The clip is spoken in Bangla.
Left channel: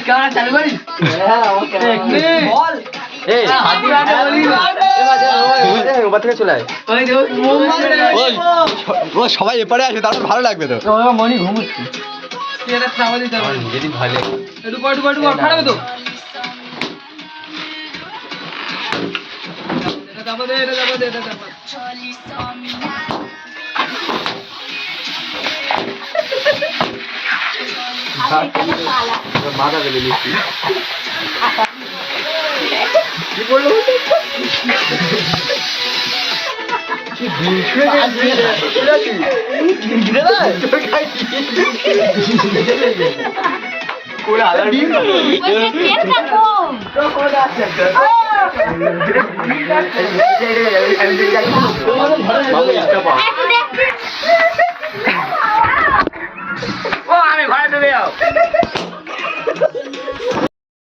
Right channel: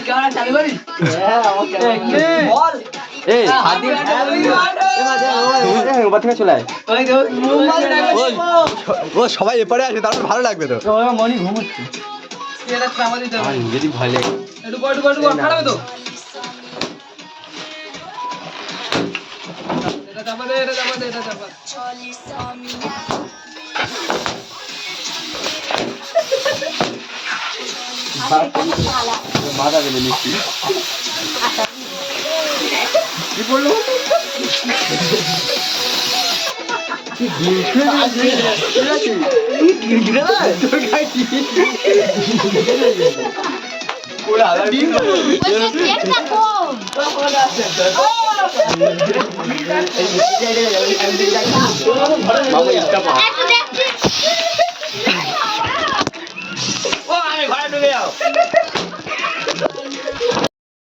ক্যামেরা চালু করি বল ও সবাই এপারে আছে তারপর ভালো লাগবে তো মনি ঘুমুচ্ছি যদি ভালো একটু খারাপ তো এটা চাপা দে এটা চাপা মাথা বেলে নিচ্ছি কি বলবো আমি ঘরে ঢুকে যাও